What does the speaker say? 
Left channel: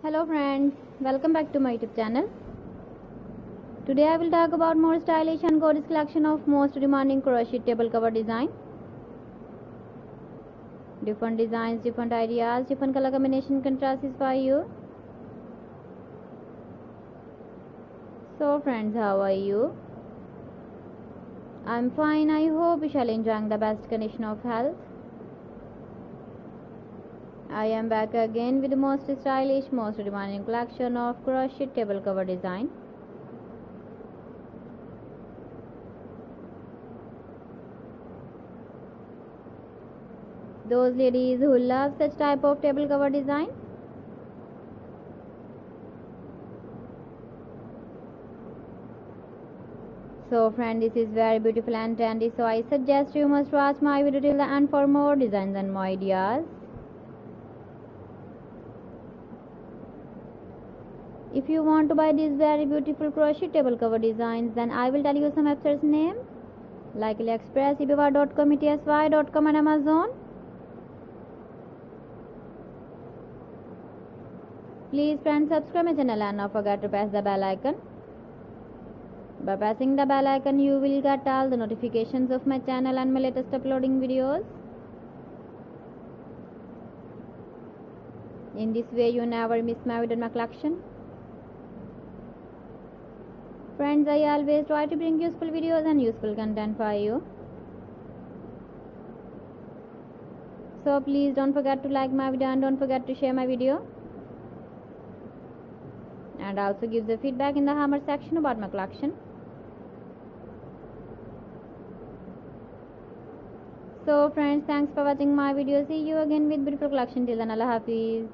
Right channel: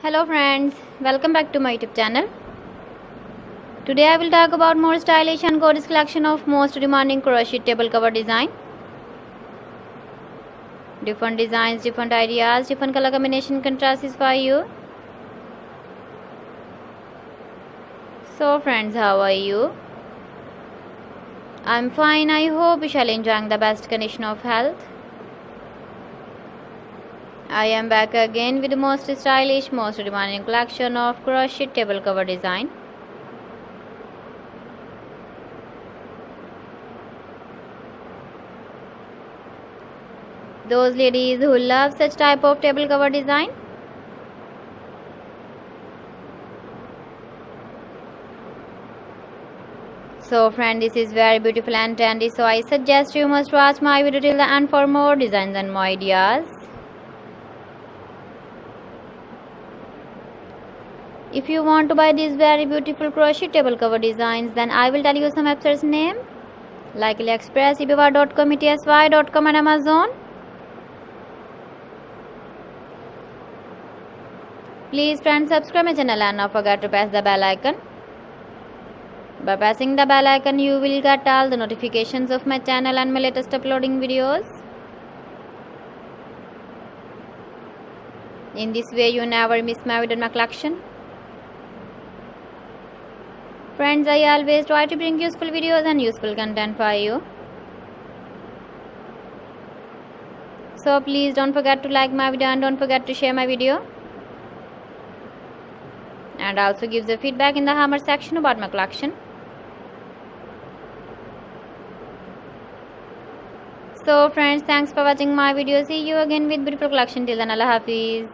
Hello friends, welcome back to my YouTube channel. Today I will talk about more stylish and gorgeous collection of most demanding crochet table cover design. Different designs, different ideas, different color combination contrasts for you. So friends, how are you? I'm fine. I hope you shall enjoying the best condition of health. I am back again with the most stylish, most demanding collection of crochet table cover design. Those ladies who love such type of table cover design, so friend, this is very beautiful and trendy, so I suggest you must watch my video till the end for more designs and more ideas. If you want to buy these very beautiful crochet table cover designs, then I will tell you some websites name like AliExpress, eBay.com, ETSY.com and Amazon. Please friends, subscribe my channel and not forget to press the bell icon. By pressing the bell icon, you will get all the notifications of my channel and my latest uploading videos. In this way, you never miss my video in my collection. Friends, I always try to bring useful videos and useful content for you. So please don't forget to like my video and don't forget to share my video. And also give the feedback in the comment section about my collection. So friends, thanks for watching my video. See you again with beautiful collection. Till then, Allah Hafiz.